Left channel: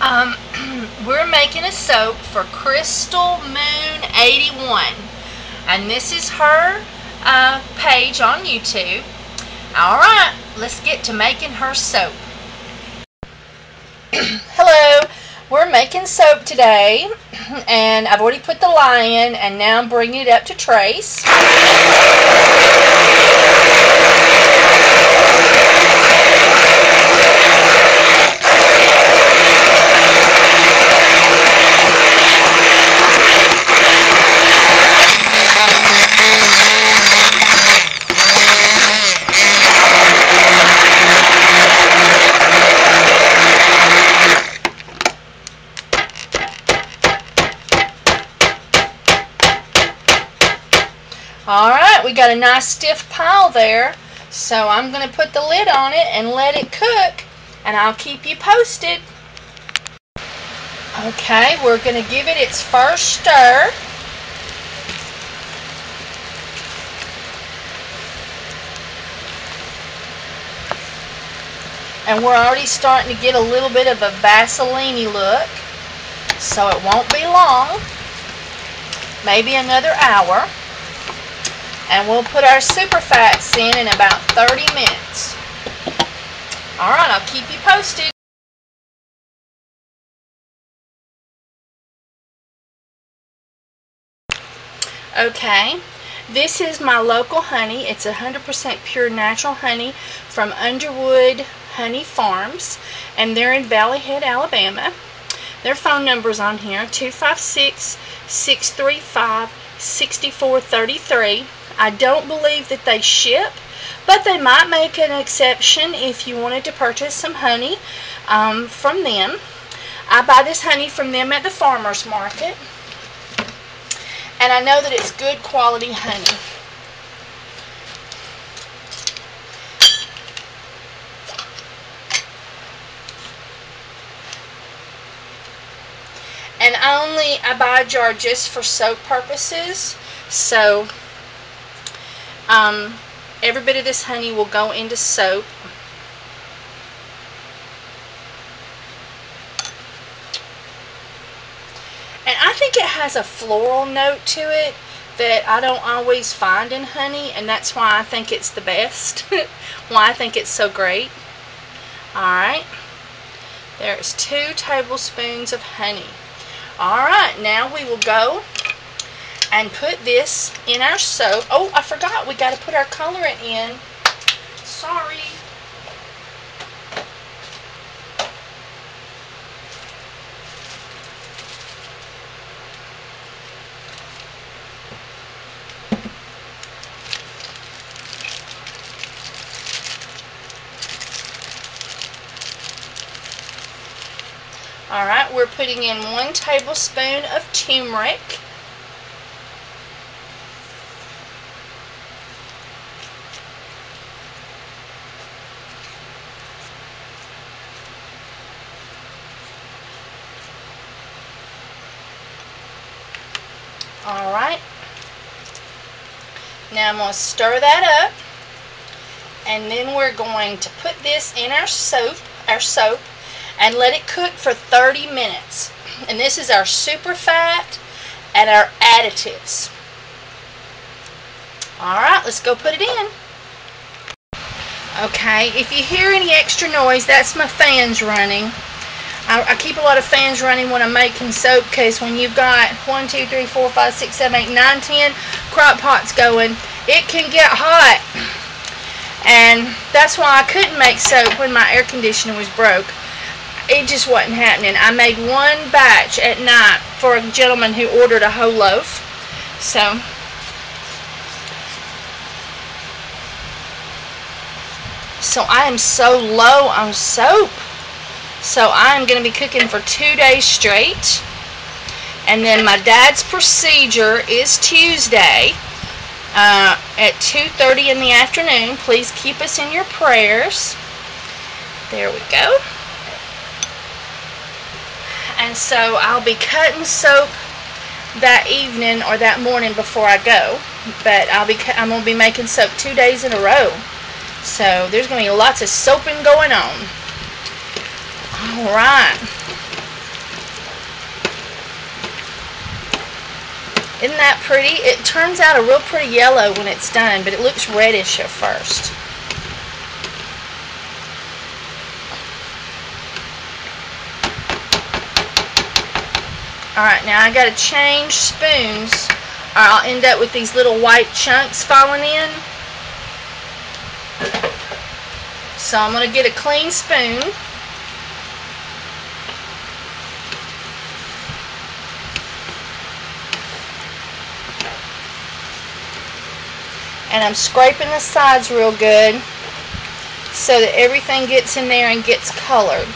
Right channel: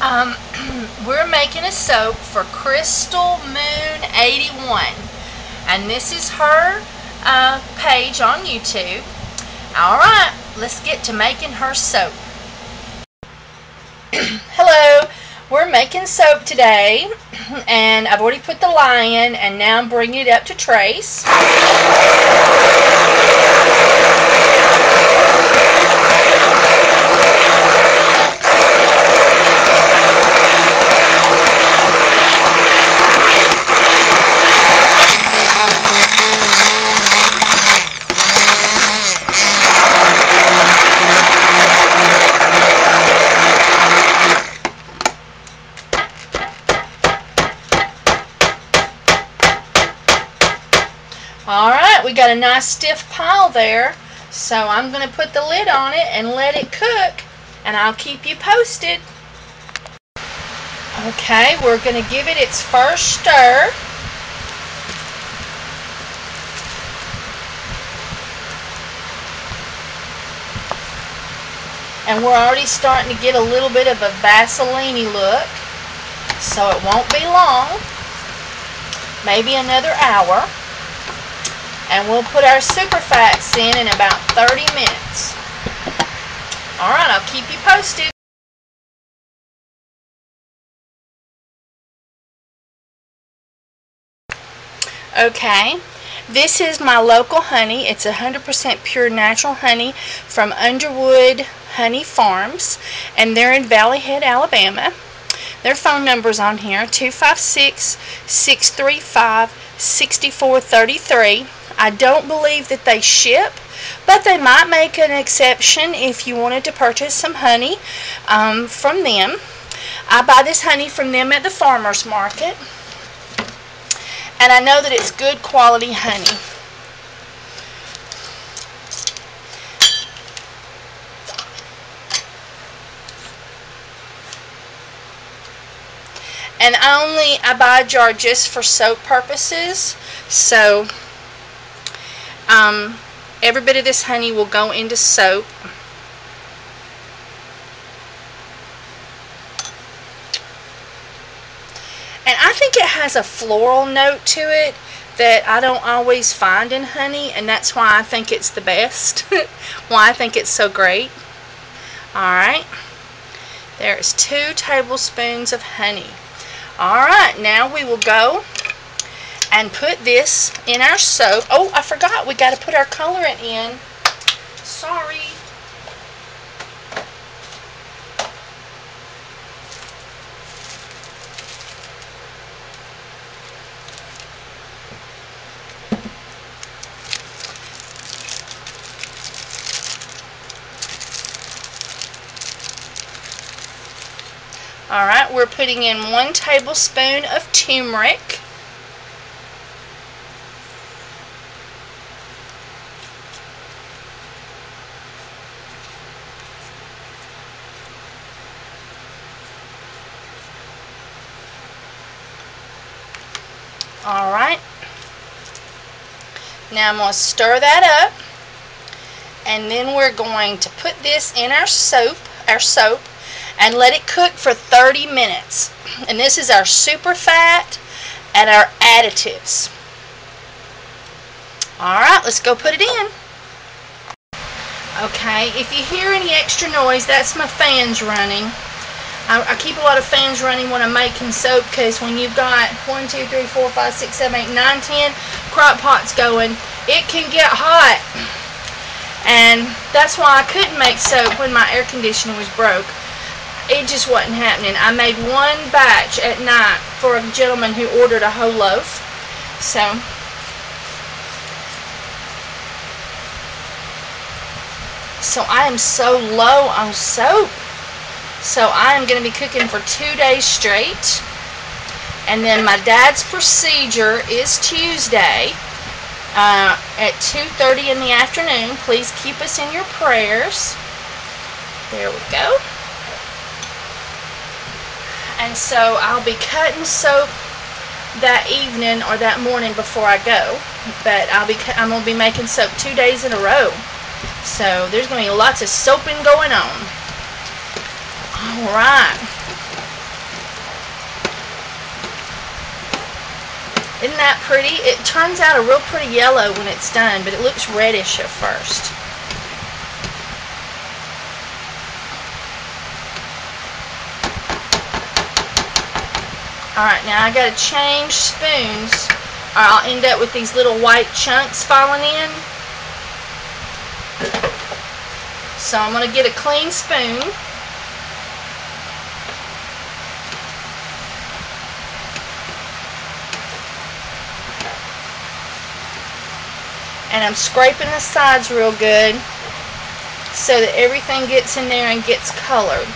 Um, we're making a soap for Crystal Moon 81, and this is her page on YouTube. Alright, let's get to making her soap. Hello, we're making soap today, and I've already put the lye in, and now I'm bringing it up to trace. Alright, we got a nice stiff pile there, so I'm going to put the lid on it and let it cook, and I'll keep you posted. Okay, we're going to give it its first stir. And we're already starting to get a little bit of a Vaseline-y look, so it won't be long, maybe another hour. And we'll put our super fats in about 30 minutes. Alright, I'll keep you posted. Okay, this is my local honey. It's 100% pure natural honey from Underwood Honey Farms, and they're in Valley Head, Alabama. Their phone number's on here, 256-635-6433. I don't believe that they ship, but they might make an exception if you wanted to purchase some honey from them. I buy this honey from them at the farmer's market, and I know that it's good quality honey. And I buy a jar just for soap purposes, so every bit of this honey will go into soap. And I think it has a floral note to it that I don't always find in honey, and that's why I think it's the best. Why I think it's so great. Alright, there's 2 tablespoons of honey. Alright, now we will go and put this in our soap. Oh, I forgot, we got to put our colorant in. Sorry. Alright, we're putting in 1 tablespoon of turmeric. Alright, now I'm going to stir that up, and then we're going to put this in our soap, and let it cook for 30 minutes. And this is our super fat and our additives. Alright, let's go put it in. Okay, if you hear any extra noise, that's my fans running. I keep a lot of fans running when I'm making soap, because when you've got 1, 2, 3, 4, 5, 6, 7, 8, 9, 10 crock pots going, it can get hot. And that's why I couldn't make soap when my air conditioner was broke. It just wasn't happening. I made 1 batch at night for a gentleman who ordered a whole loaf. So I am so low on soap. So I am going to be cooking for 2 days straight. And then my dad's procedure is Tuesday at 2:30 in the afternoon. Please keep us in your prayers. There we go. And so I'll be cutting soap that evening or that morning before I go. But I'm going to be making soap 2 days in a row. So there's going to be lots of soaping going on. Alright. Isn't that pretty? It turns out a real pretty yellow when it's done, but it looks reddish at first. Alright, now I gotta change spoons, or I'll end up with these little white chunks falling in. So I'm gonna get a clean spoon. And I'm scraping the sides real good so that everything gets in there and gets colored.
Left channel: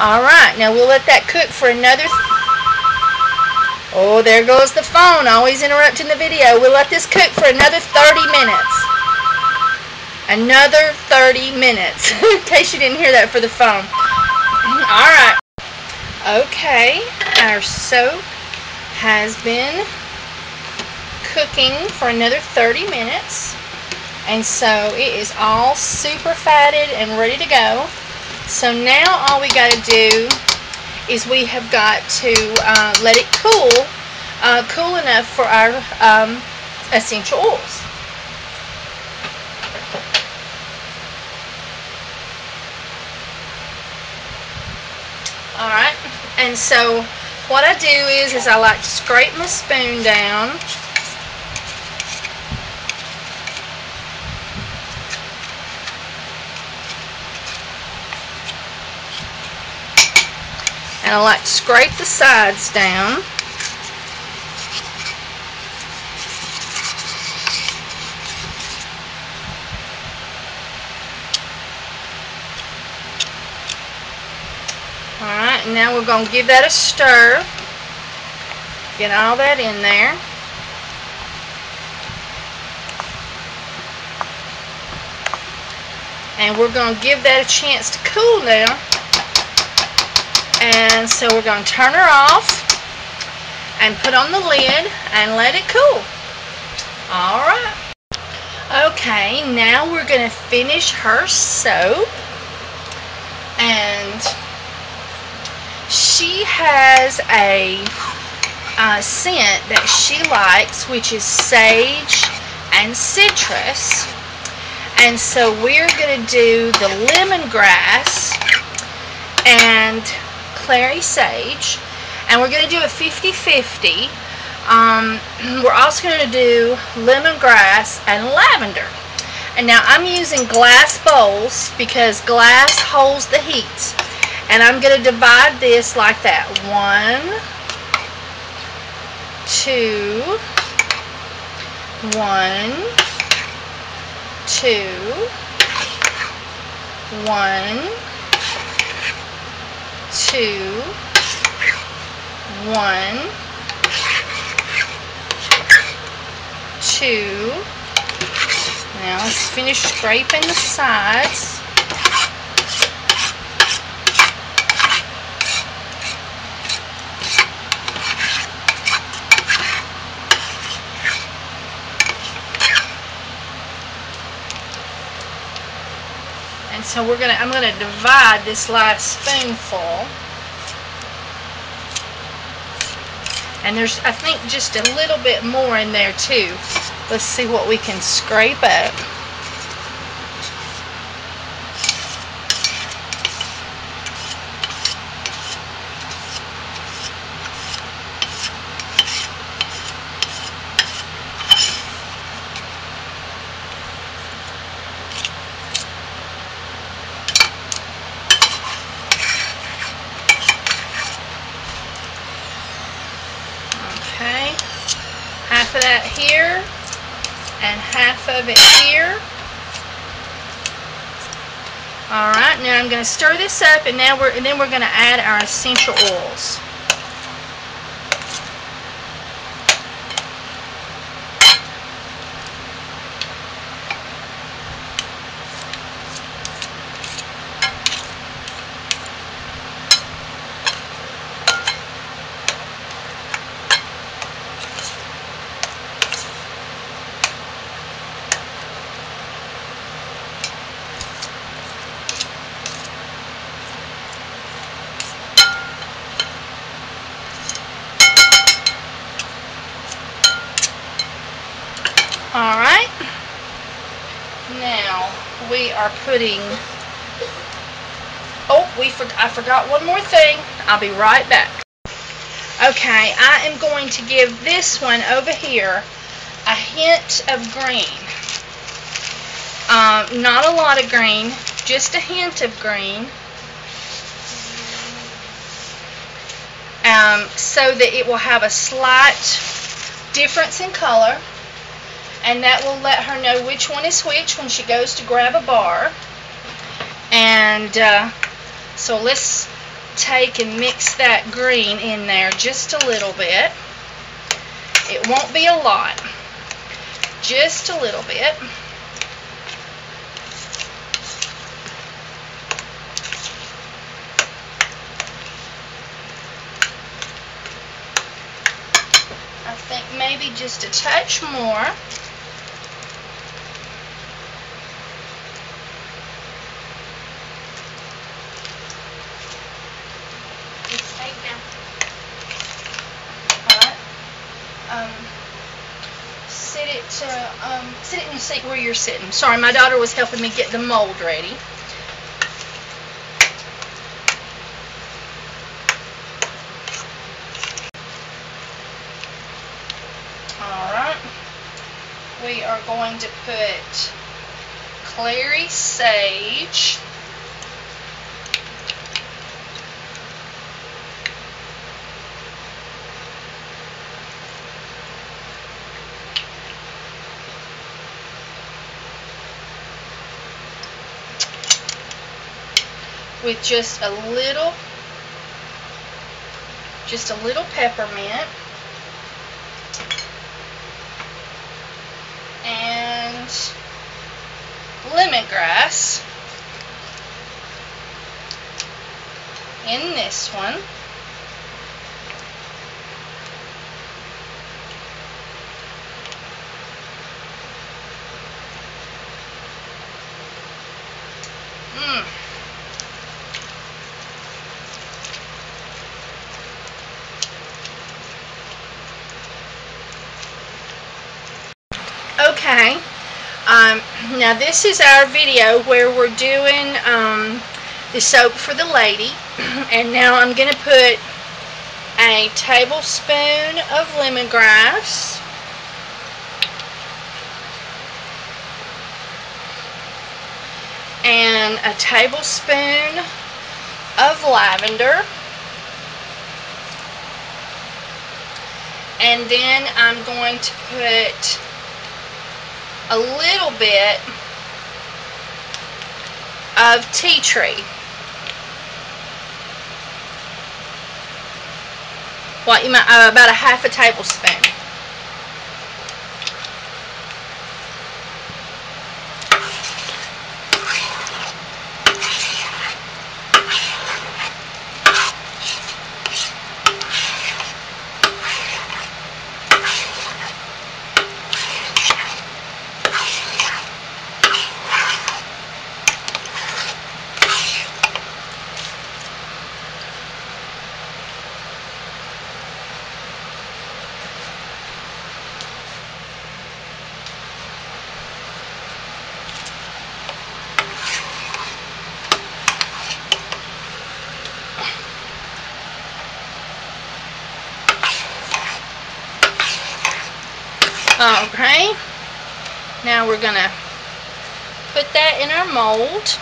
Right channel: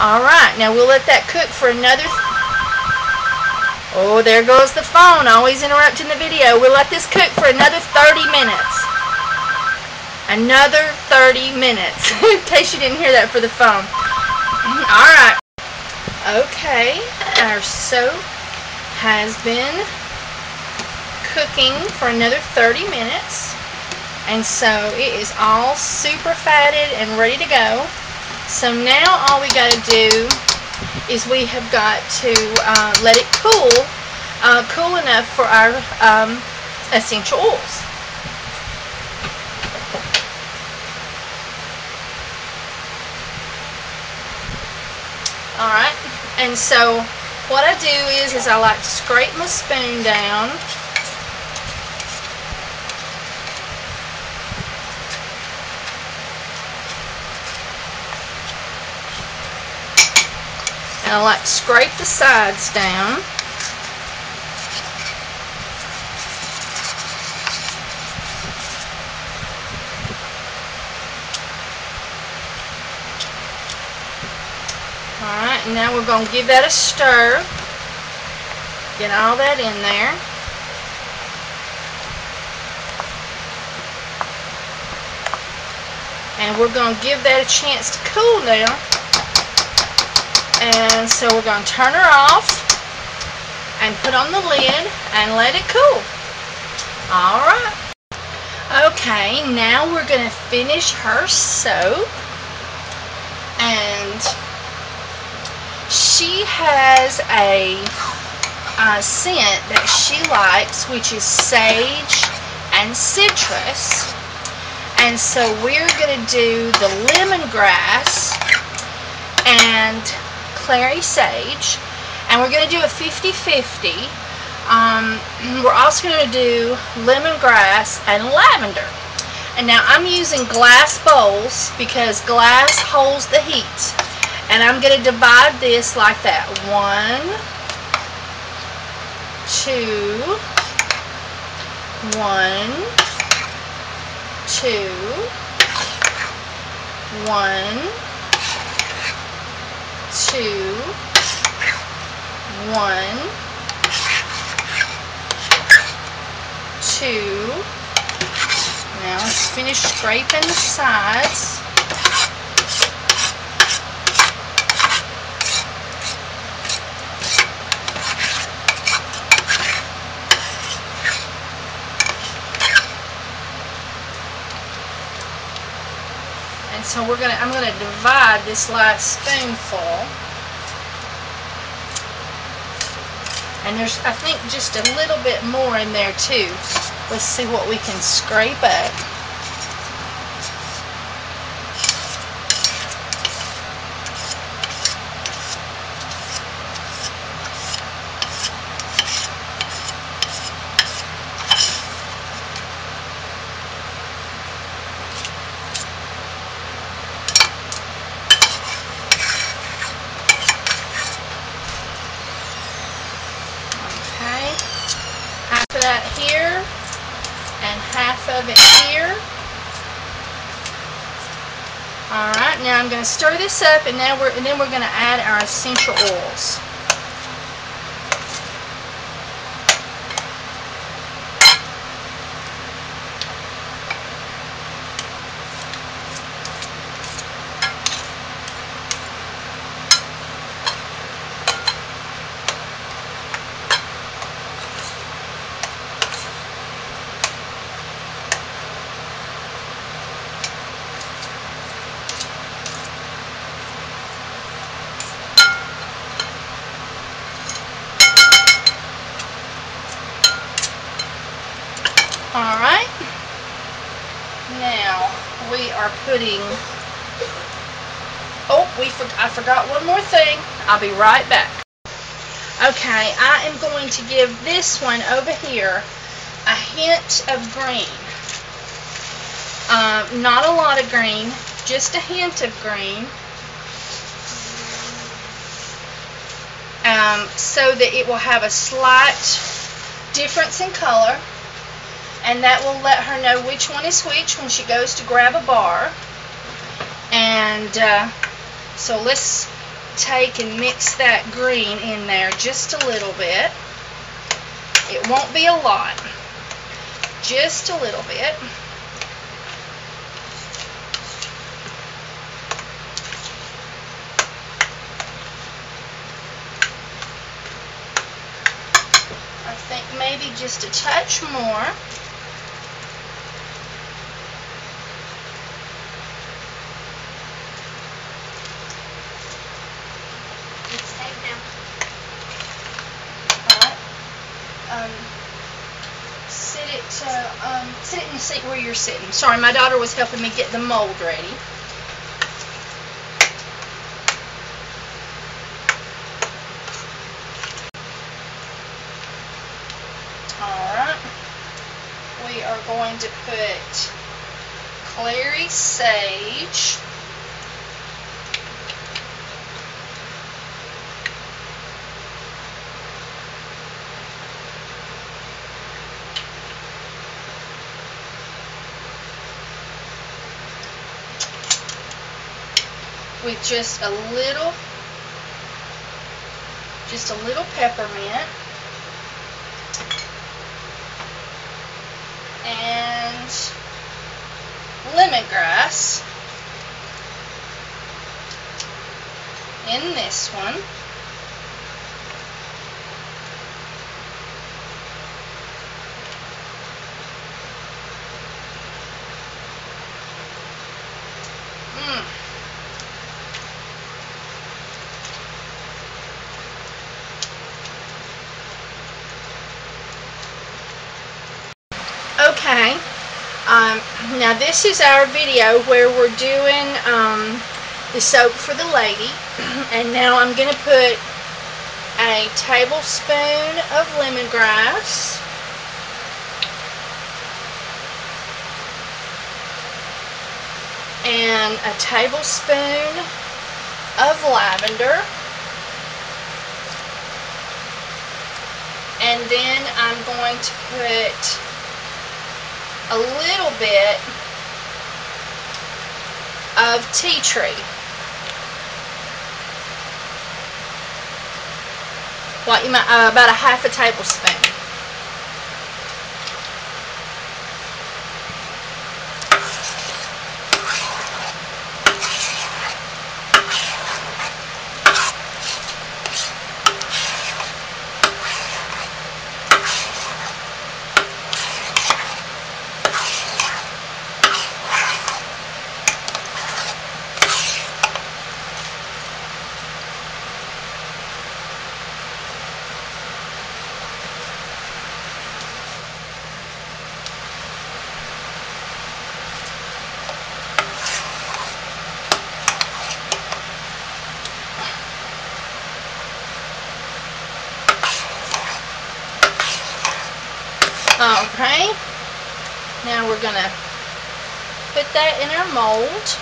Alright, now we'll let that cook for another... Oh, there goes the phone, always interrupting the video. We'll let this cook for another 30 minutes. Another 30 minutes, in case you didn't hear that for the phone. Alright. Okay, our soap has been cooking for another 30 minutes. And so it is all super fatted and ready to go. So now all we got to do is we have got to let it cool, cool enough for our essential oils. Alright, and so what I do is I like to scrape my spoon down. And I like to scrape the sides down. Alright, and now we're going to give that a stir. Get all that in there. And we're going to give that a chance to cool now. And so we're going to turn her off and put on the lid and let it cool. Alright. Okay, now we're going to finish her soap. And she has a scent that she likes, which is sage and citrus. And so we're going to do the lemongrass and clary sage, and we're going to do a 50-50. We're also going to do lemongrass and lavender. And now I'm using glass bowls because glass holds the heat. And I'm going to divide this like that. 1, 2, 1, 2, 1, 2, 1, 2. Now let's finish scraping the sides. And so I'm gonna divide this last spoonful. And there's, I think, just a little bit more in there too. Let's see what we can scrape up. Okay, half of that here and half of it here. Alright, now I'm going to stir this up, and then we're going to add our essential oils. are putting... Oh, I forgot one more thing. I'll be right back. Okay, I am going to give this one over here a hint of green. Not a lot of green, just a hint of green. So that it will have a slight difference in color, and that will let her know which one is which when she goes to grab a bar. And so let's take and mix that green in there just a little bit. It won't be a lot, just a little bit. I think maybe just a touch more. Sit in the seat where you're sitting. Sorry, my daughter was helping me get the mold ready. Alright. We are going to put clary sage. With just a little peppermint and lemongrass in this one. Okay, now this is our video where we're doing the soap for the lady, and now I'm going to put a tablespoon of lemongrass, and a tablespoon of lavender, and then I'm going to put a little bit of tea tree. What you might about a half a tablespoon. Okay, now we're going to put that in our mold.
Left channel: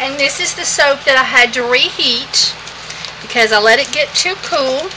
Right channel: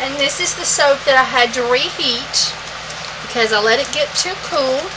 And this is the soap that I had to reheat because I let it get too cool.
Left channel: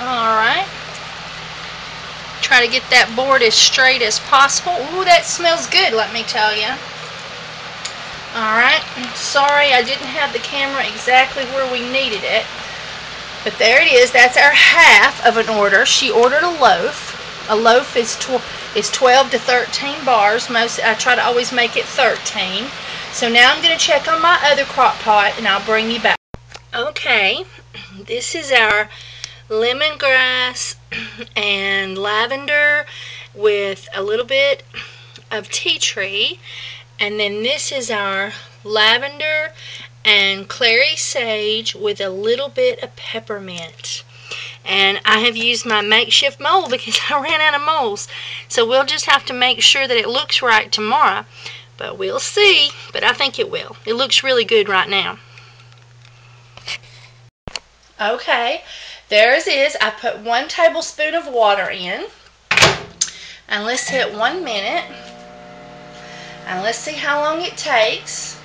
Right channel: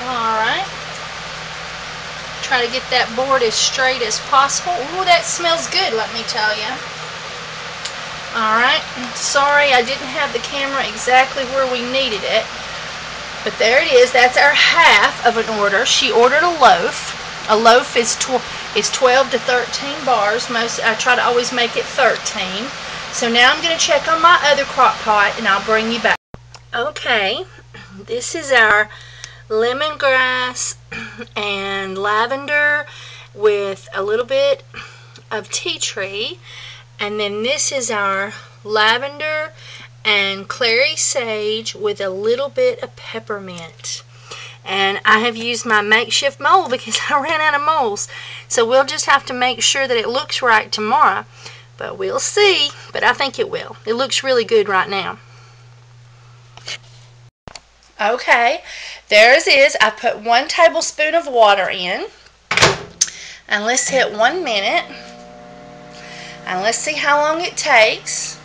Alright. Try to get that board as straight as possible. Ooh, that smells good, let me tell you. Alright, sorry I didn't have the camera exactly where we needed it. But there it is. That's our half of an order. She ordered a loaf. A loaf is 12 to 13 bars. I try to always make it 13. So now I'm going to check on my other crock pot and I'll bring you back. Okay, this is our lemongrass and lavender with a little bit of tea tree, and then this is our lavender and clary sage with a little bit of peppermint. And I have used my makeshift mold because I ran out of molds, so we'll just have to make sure that it looks right tomorrow, but we'll see. But I think it will. It looks really good right now. Okay, there it is. I put 1 tablespoon of water in. And let's hit 1 minute. And let's see how long it takes.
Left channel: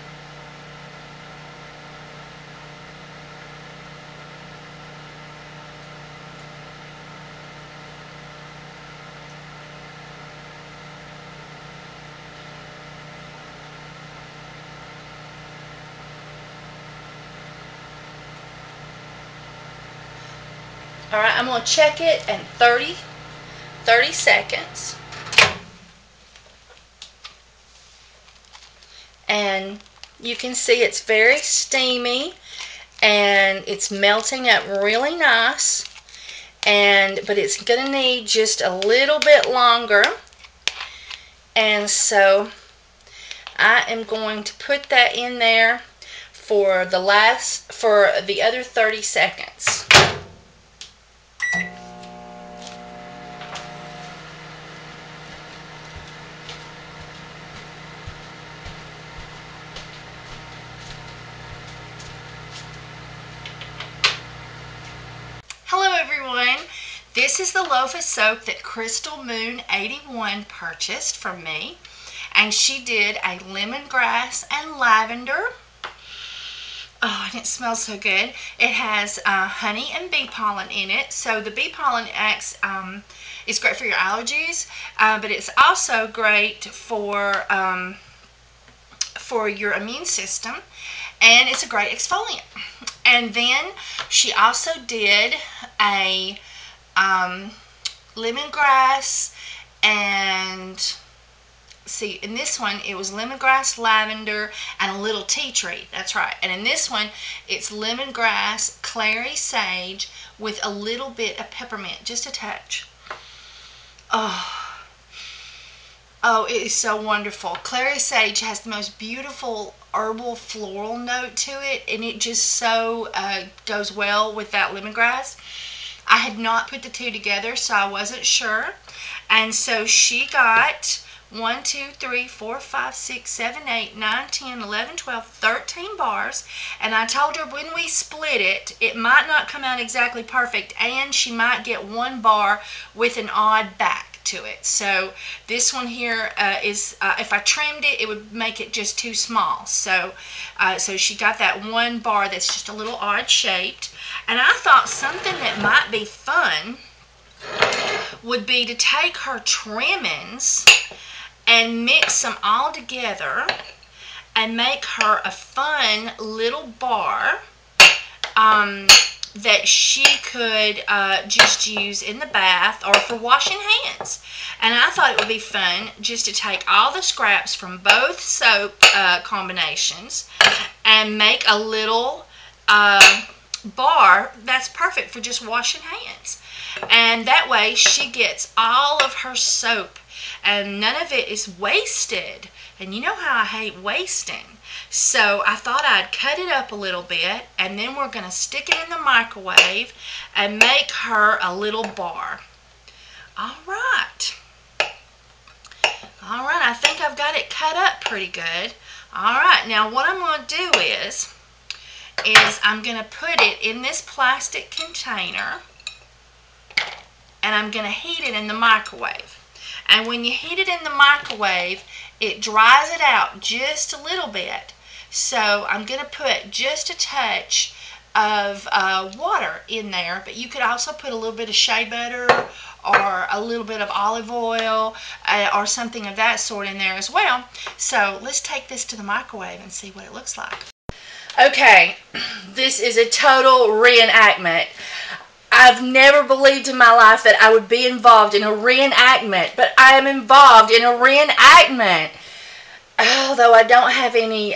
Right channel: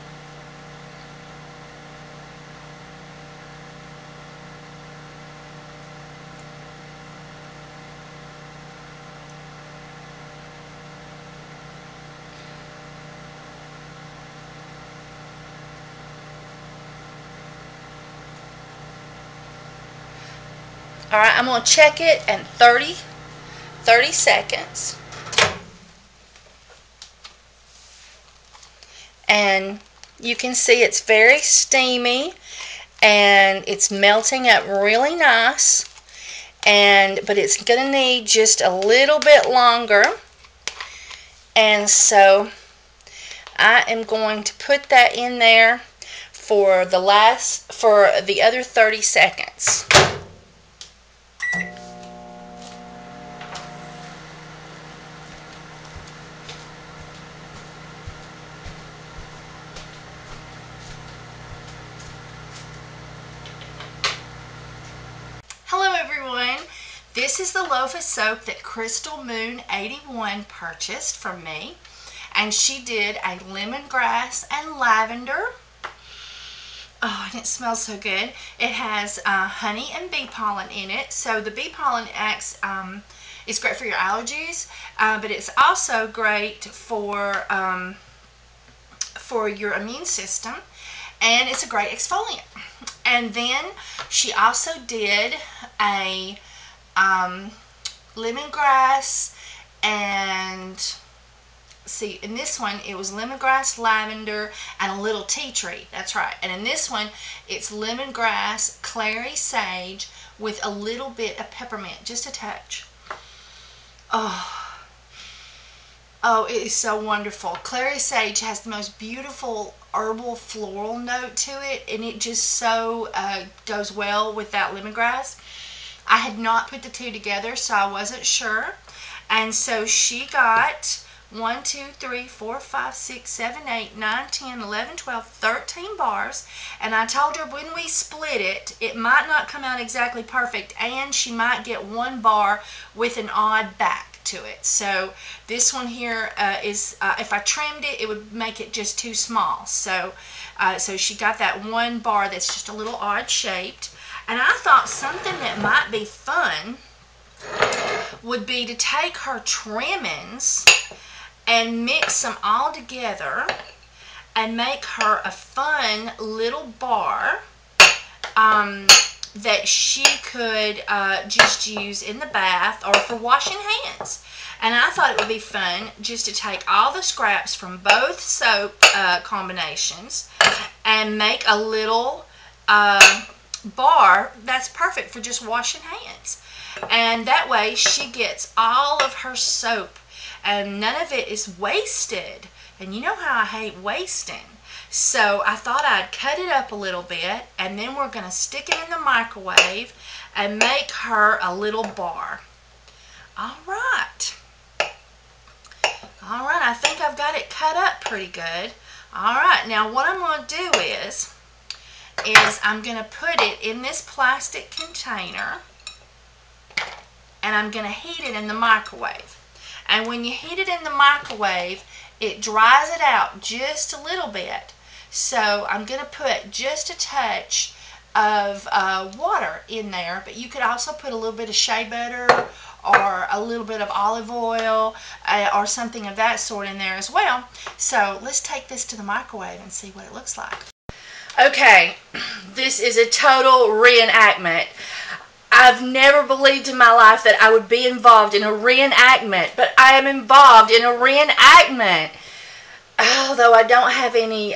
Alright, I'm going to check it in 30 seconds. And you can see it's very steamy and it's melting up really nice. But it's going to need just a little bit longer. And so I am going to put that in there for the other 30 seconds. Hello everyone, this is the loaf of soap that Crystal Moon 81 purchased from me, and she did a lemongrass and lavender. Oh, and it smells so good. It has honey and bee pollen in it, so the bee pollen is great for your allergies, but it's also great for your immune system, and it's a great exfoliant. And then she also did a lemongrass and, see, in this one it was lemongrass, lavender, and a little tea tree. That's right. And in this one it's lemongrass, clary sage with a little bit of peppermint, just a touch. Oh, it is so wonderful. Clary sage has the most beautiful herbal floral note to it, and it just so goes well with that lemongrass. I had not put the two together, so I wasn't sure. And so she got 1, 2, 3, 4, 5, 6, 7, 8, 9, 10, 11, 12, 13 bars. And I told her when we split it, it might not come out exactly perfect, and she might get 1 bar with an odd back to it. So this one here is, if I trimmed it, it would make it just too small. So she got that 1 bar that's just a little odd shaped. And I thought something that might be fun would be to take her trimmings and mix them all together and make her a fun little bar that she could just use in the bath or for washing hands. And I thought it would be fun just to take all the scraps from both soap combinations and make a little bar that's perfect for just washing hands. And that way she gets all of her soap and none of it is wasted. And you know how I hate wasting. So I thought I'd cut it up a little bit, and then we're going to stick it in the microwave and make her a little bar. Alright, I think I've got it cut up pretty good. Alright, now what I'm going to do is I'm going to put it in this plastic container, and I'm going to heat it in the microwave. And when you heat it in the microwave, it dries it out just a little bit. So I'm going to put just a touch of water in there, but you could also put a little bit of shea butter or a little bit of olive oil or something of that sort in there as well. So let's take this to the microwave and see what it looks like. Okay, this is a total reenactment. I've never believed in my life that I would be involved in a reenactment, but I am involved in a reenactment. Although I don't have any,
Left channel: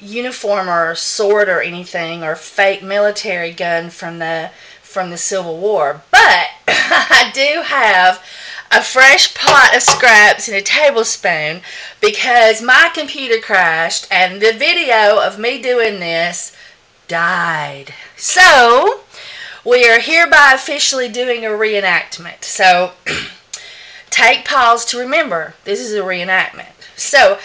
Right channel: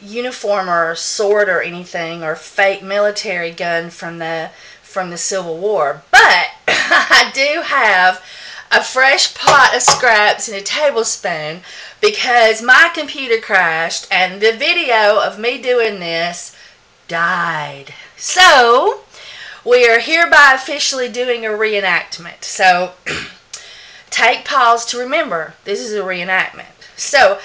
uniform or sword or anything or fake military gun from the Civil War, but I do have a fresh pot of scraps and a tablespoon because my computer crashed and the video of me doing this died. So we are hereby officially doing a reenactment. So take pause to remember this is a reenactment. So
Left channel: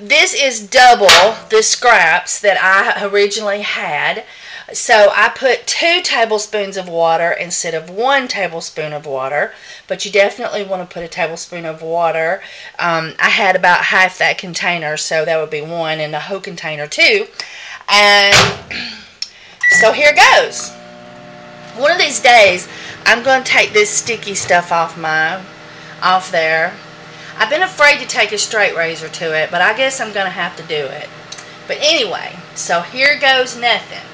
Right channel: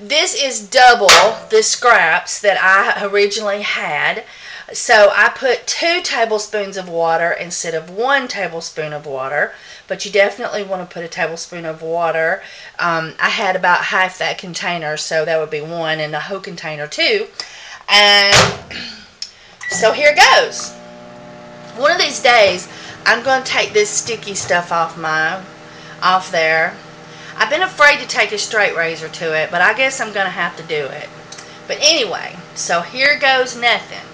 this is double the scraps that I originally had. So I put 2 tablespoons of water instead of 1 tablespoon of water. But you definitely want to put a tablespoon of water. I had about half that container, so that would be 1, and the whole container 2. And so here goes. One of these days, I'm going to take this sticky stuff off there. I've been afraid to take a straight razor to it, but I guess I'm going to have to do it. But anyway, so here goes nothing.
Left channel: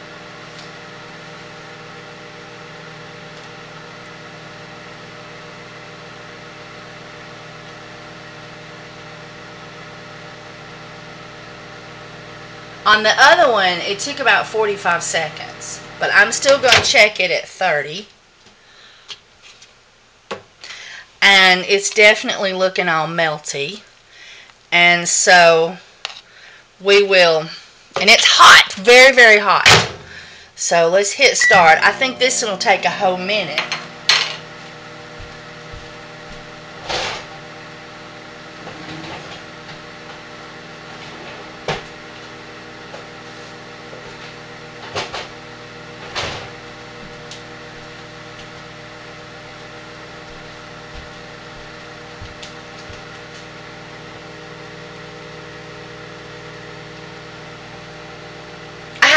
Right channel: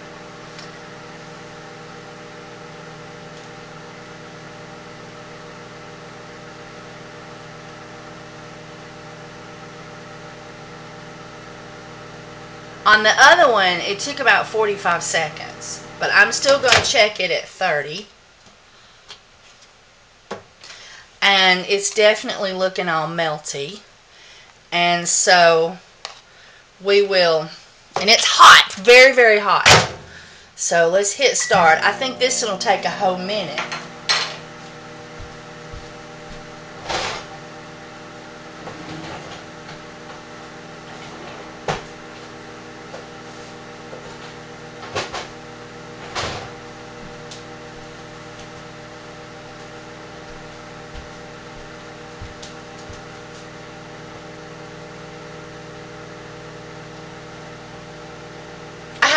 On the other one, it took about 45 seconds, but I'm still going to check it at 30. And it's definitely looking all melty. And so we will, and it's hot, very, very hot. So let's hit start. I think this one will take a whole minute.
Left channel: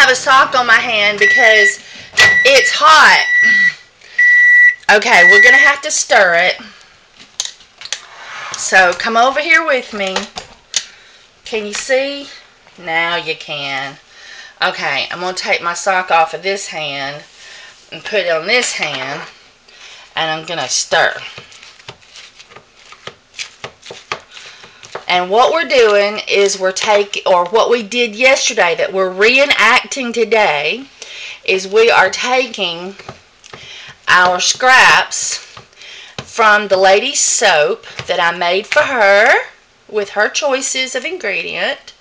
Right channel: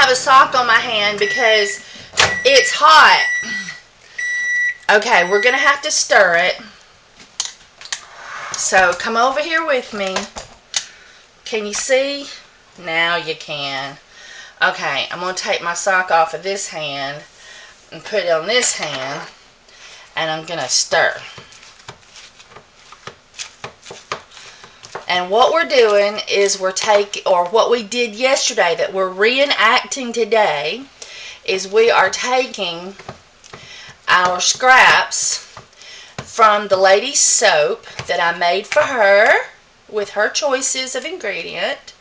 A sock on my hand because it's hot. Okay, we're gonna have to stir it. So come over here with me. Can you see? Now you can. Okay, I'm gonna take my sock off of this hand and put it on this hand, and I'm gonna stir. And what we're doing is what we did yesterday that we're reenacting today is we are taking our scraps from the lady's soap that I made for her with her choices of ingredient,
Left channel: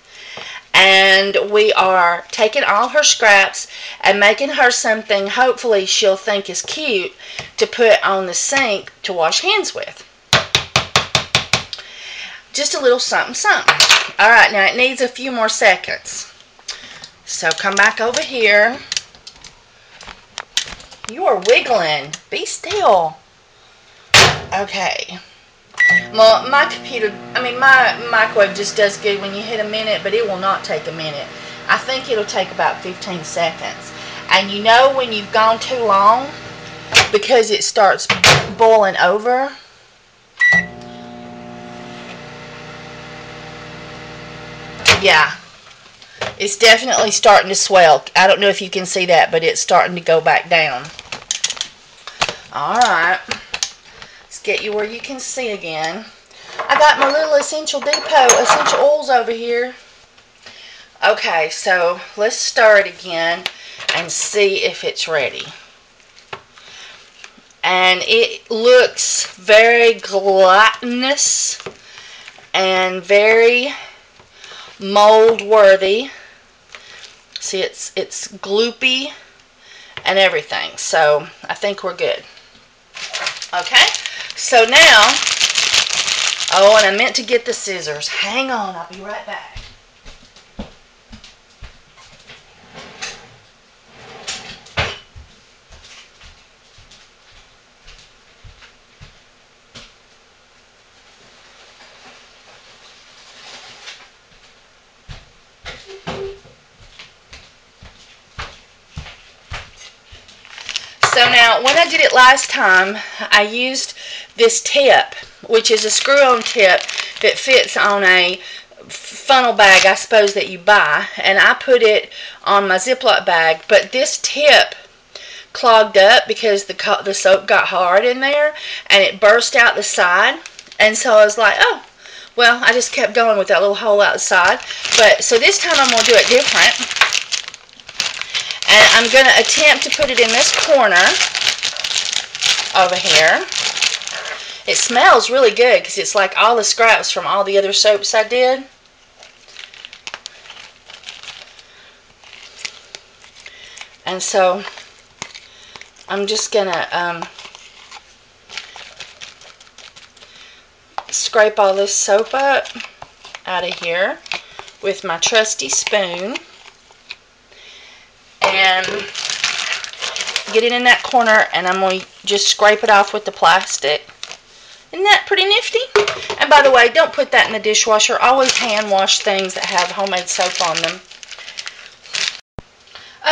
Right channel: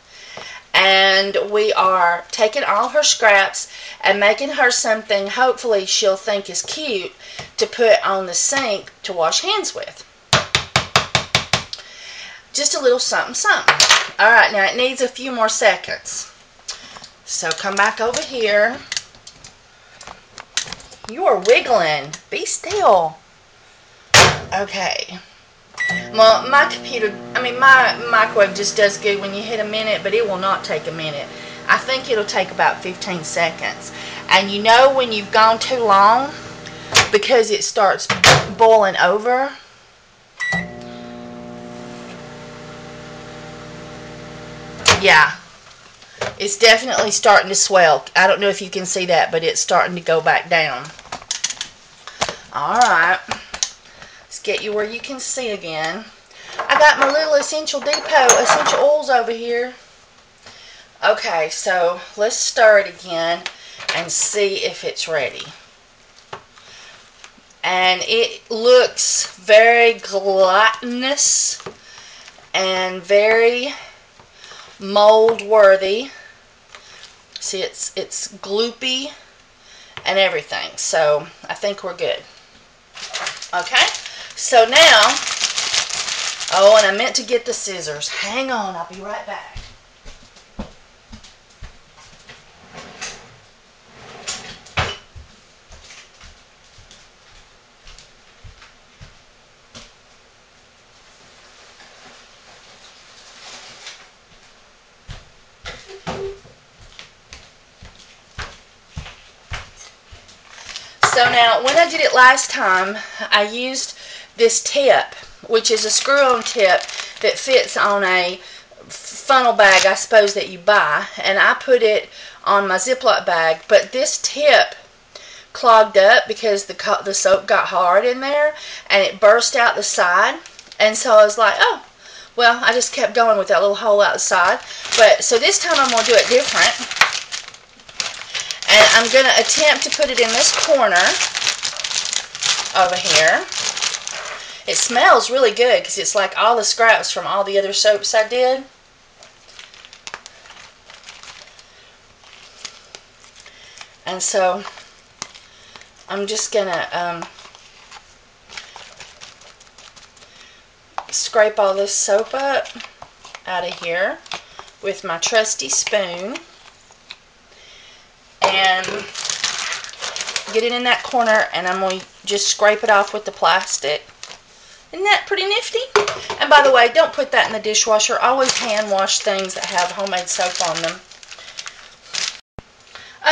and we are taking all her scraps and making her something hopefully she'll think is cute to put on the sink to wash hands with. Just a little something, something. Alright, now it needs a few more seconds. So come back over here. You are wiggling. Be still. Okay. Well, my microwave just does good when you hit a minute, but it will not take a minute. I think it'll take about 15 seconds. And you know when you've gone too long, because it starts boiling over. Yeah, it's definitely starting to swell. I don't know if you can see that, but it's starting to go back down. Alright, let's get you where you can see again. I got my little essential oils over here. Okay, so let's stir it again and see if it's ready. And it looks very gelatinous and very mold worthy. See, it's gloopy and everything, so I think we're good. Okay, so now, oh, and I meant to get the scissors. Hang on, I'll be right back. So now, when I did it last time, I used this tip, which is a screw-on tip that fits on a funnel bag, I suppose, that you buy. And I put it on my Ziploc bag, but this tip clogged up because the soap got hard in there, and it burst out the side. And so I was like, oh, well, I just kept going with that little hole outside. But so this time I'm going to do it different. And I'm going to attempt to put it in this corner over here. It smells really good because it's like all the scraps from all the other soaps I did. And so I'm just going to scrape all this soap up out of here with my trusty spoon and get it in that corner, and I'm going to just scrape it off with the plastic. Isn't that pretty nifty? And by the way, don't put that in the dishwasher. Always hand wash things that have homemade soap on them.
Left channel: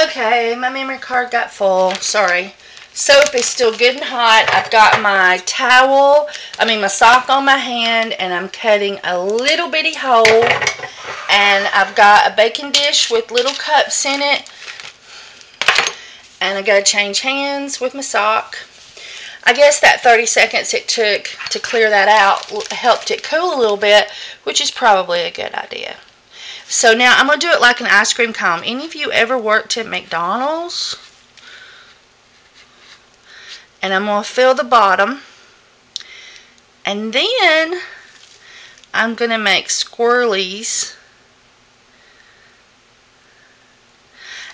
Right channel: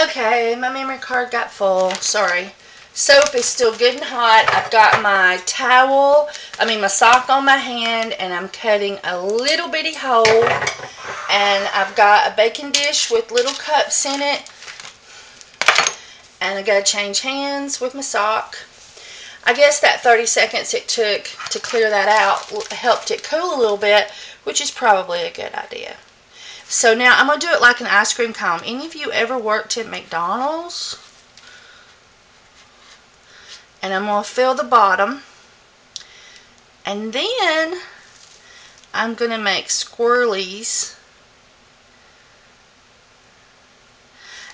Okay, my memory card got full. Sorry. Soap is still good and hot. I've got my my sock on my hand, and I'm cutting a little bitty hole. And I've got a baking dish with little cups in it. And I got to change hands with my sock. I guess that 30 seconds it took to clear that out helped it cool a little bit, which is probably a good idea. So now I'm going to do it like an ice cream cone. Any of you ever worked at McDonald's? And I'm going to fill the bottom. And then I'm going to make swirlies.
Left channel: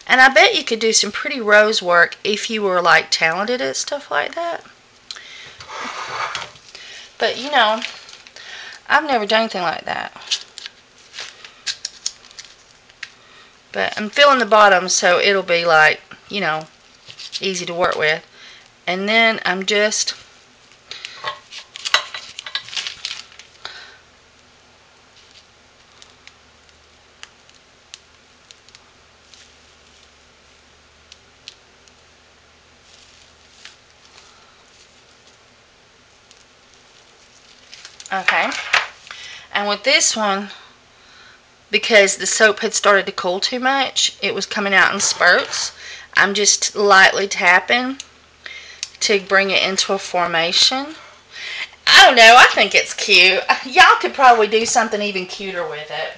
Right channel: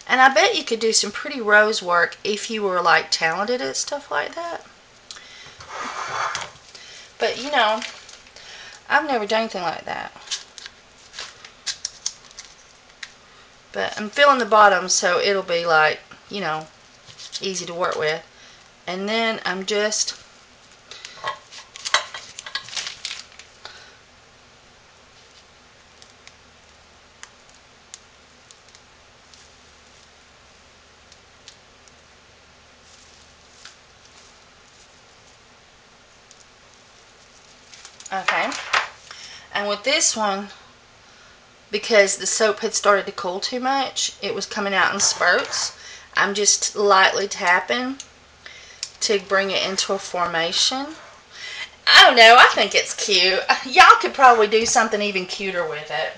And I bet you could do some pretty rose work if you were like talented at stuff like that. But you know, I've never done anything like that. But I'm filling the bottom so it'll be like, you know, easy to work with. And then I'm just okay. And with this one, because the soap had started to cool too much, it was coming out in spurts. I'm just lightly tapping to bring it into a formation. I don't know, I think it's cute. Y'all could probably do something even cuter with it.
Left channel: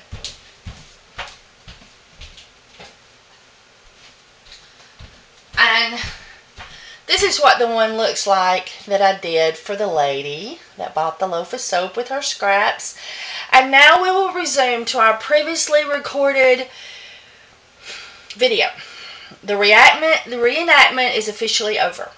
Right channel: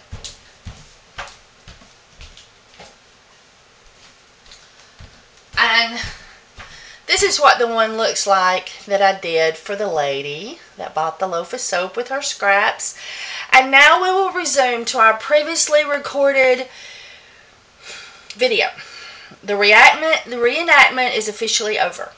And this is what the one looks like that I did for the lady that bought the loaf of soap with her scraps. And now we will resume to our previously recorded video. The reenactment is officially over.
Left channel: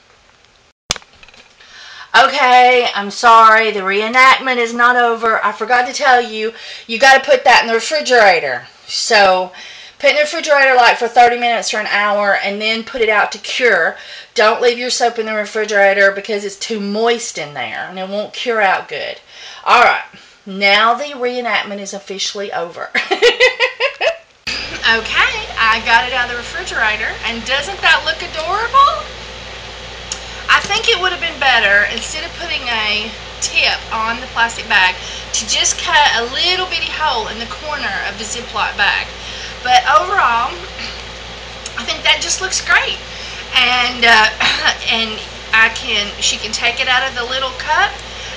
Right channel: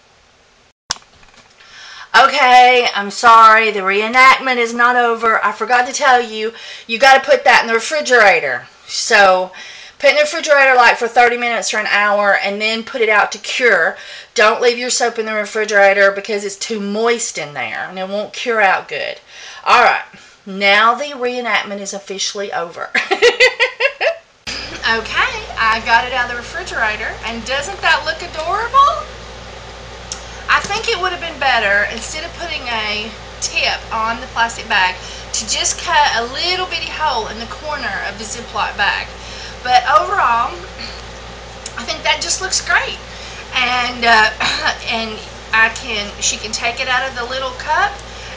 Okay, I'm sorry, the reenactment is not over. I forgot to tell you, you got to put that in the refrigerator. So, put it in the refrigerator like for 30 minutes or an hour, and then put it out to cure. Don't leave your soap in the refrigerator because it's too moist in there, and it won't cure out good. Alright, now the reenactment is officially over. Okay, I got it out of the refrigerator, and doesn't that look adorable? I think it would have been better, instead of putting a tip on the plastic bag, to just cut a little bitty hole in the corner of the Ziploc bag. But overall, I think that just looks great. And she can take it out of the little cup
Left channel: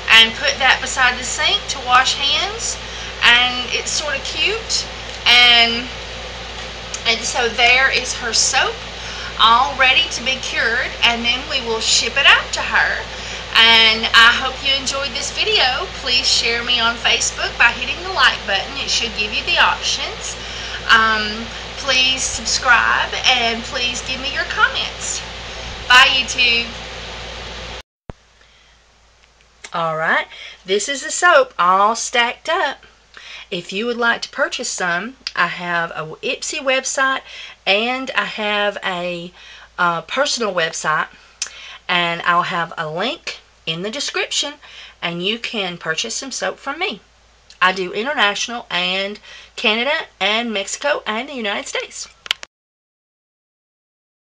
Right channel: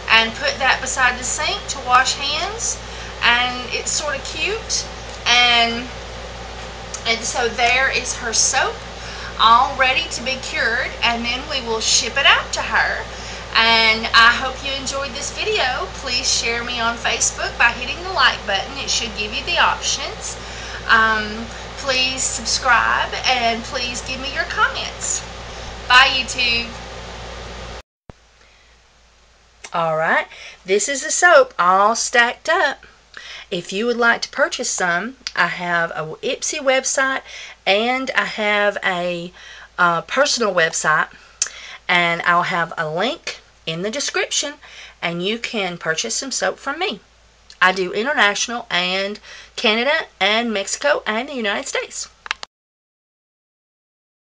and put that beside the sink to wash hands, and it's sort of cute. And so there is her soap, all ready to be cured, and then we will ship it out to her. And I hope you enjoyed this video. Please share me on Facebook by hitting the like button. It should give you the options. Please subscribe, and please give me your comments. Bye, YouTube. Alright, this is the soap all stacked up. If you would like to purchase some, I have a Ipsy website, and I have a personal website, and I'll have a link in the description, and you can purchase some soap from me. I do international and Canada and Mexico and the United States.